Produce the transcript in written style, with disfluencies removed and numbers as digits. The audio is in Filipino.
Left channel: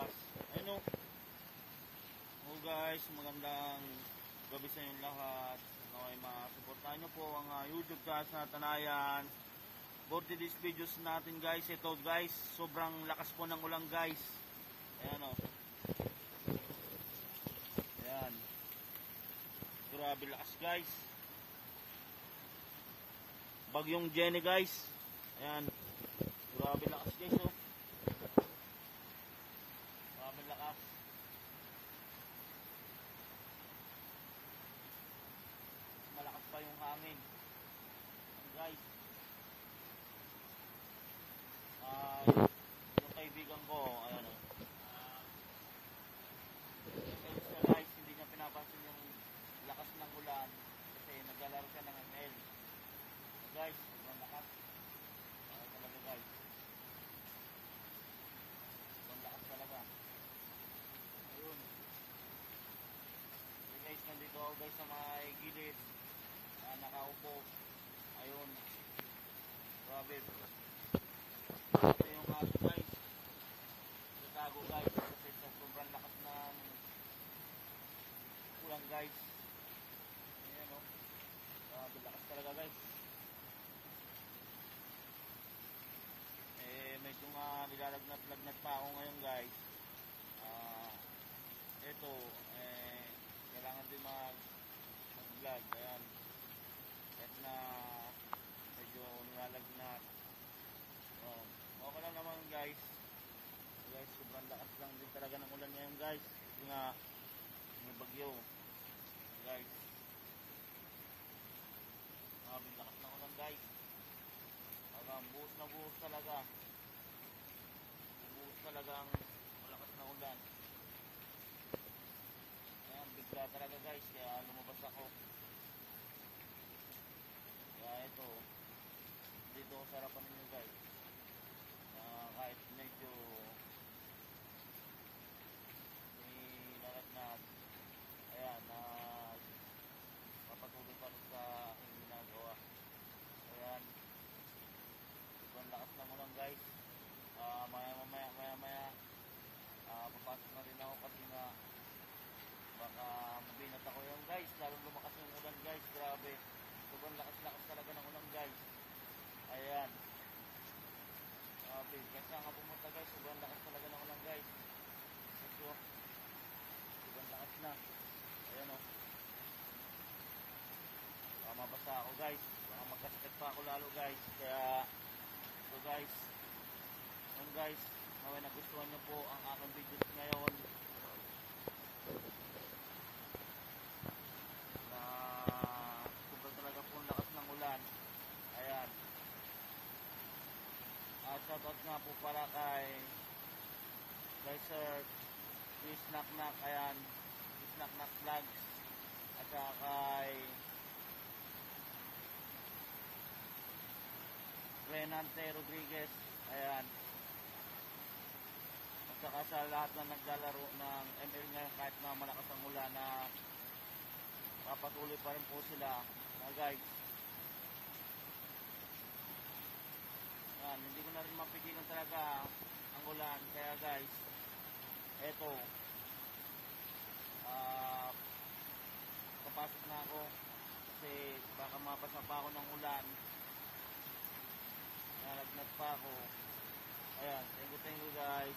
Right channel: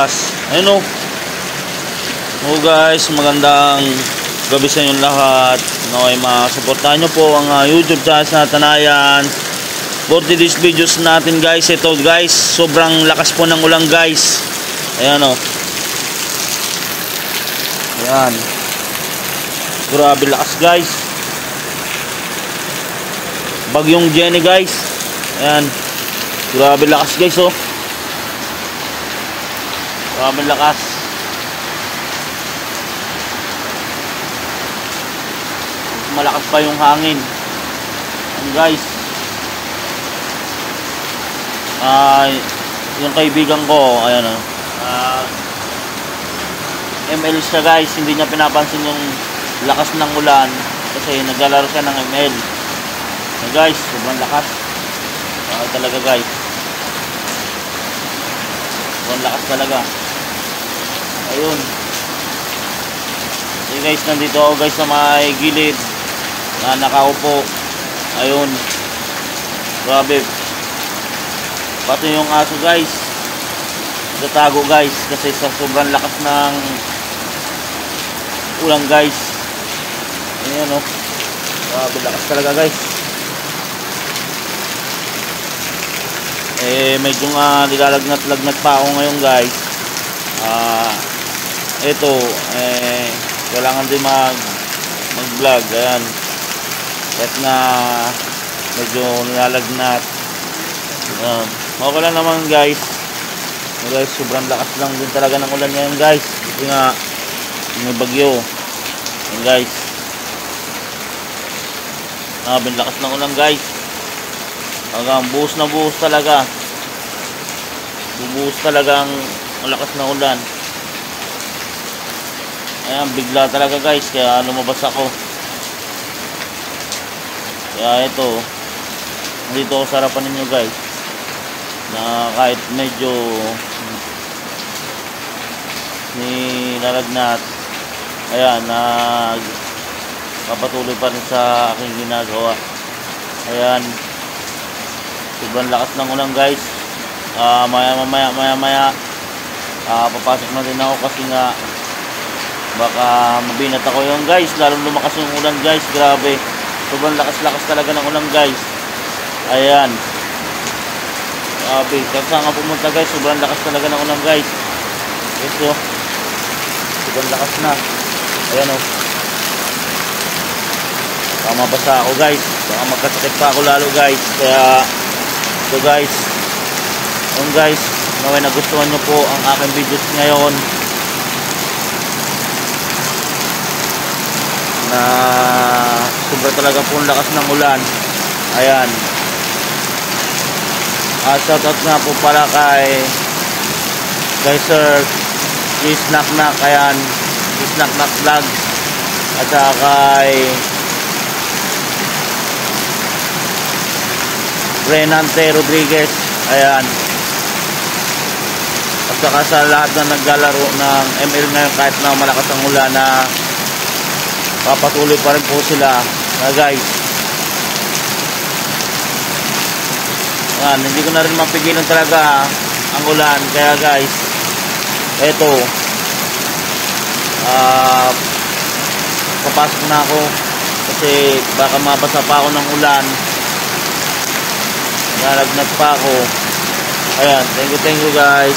lakas. Ayun o. Oh guys, magandang gabi sa inyo lahat. Okay, masuportahan nyo po ang YouTube channel sa Tanayan. For today's videos natin guys, ito guys, sobrang lakas po ng ulan guys. Ayan o. Ayan. Grabe lakas guys. Bagyong Jenny guys. Ayan. Grabe lakas guys oh. Grabe lakas. Malakas pa yung hangin. Ayan guys. Yung kaibigan ko, ayan o. ML siya guys. Hindi niya pinapansin yung lakas ng ulan kasi naglalaro siya ng ML. Ayan guys, sobrang lakas. Talaga guys. Sobrang lakas talaga. Ayun. So guys, nandito ako guys sa may gilid na nakaupo. Ayun. Grabe. Pati yung aso guys. Nagtatago guys kasi sa sobrang lakas ng ulan guys. Ayan o. Grabe lakas talaga guys. Medyo nga nilalagnat-lagnat pa ako ngayon guys. Ito kailangan din mag-vlog. Ayan. Kahit na medyo nilalagnat. Ayan. Okay lang naman guys. Guys, sobrang lakas lang din talaga ng ulan ngayon guys. Kasi nga may bagyo. Ayan guys. Lakas ng ulan guys. Hanggang buhos na buhos talaga. Bubuhos talaga ang lakas ng ulan. Ayan, bigla talaga guys. Kaya lumabas ako. Kaya ito, dito ako sa harapan ninyo guys. Na kahit medyo nilalagnat, ayan, kapatuloy pa rin sa aking ginagawa. Ayan. Sobrang lakas ng ulan guys. Maya papasok na din ako kasi nga baka mabinat ako yung guys. Lalong lumakas yung ulan guys. Grabe. Sobrang lakas talaga ng ulan guys. Ayan. Grabe. Kasi nga pumunta guys. Sobrang lakas talaga ng ulan guys. Ito. Sobrang lakas na. Ayan o. Baka mabasa ako guys. Baka magkasakit pa ako lalo guys. Kaya ito guys. Ayan guys. Naway nagustuhan nyo po ang aking videos ngayon. Na sobra talaga po ang lakas ng ulan. Ayan. Shoutout nga po pala kay Sir Please Knock Knock. Ayan. Please Knock Knock Vlog. At saka kay Renante Rodriguez. Ayan. At saka sa lahat na naglalaro ng ML ngayon kahit na malakas ang ulan na papatuloy pa rin po sila guys. Ayan, hindi ko na rin mapigilan talaga ang ulan. Kaya guys, eto papasok na ako kasi baka mabasa pa ako ng ulan. Nalagnat pa ako. Ayan, thank you guys.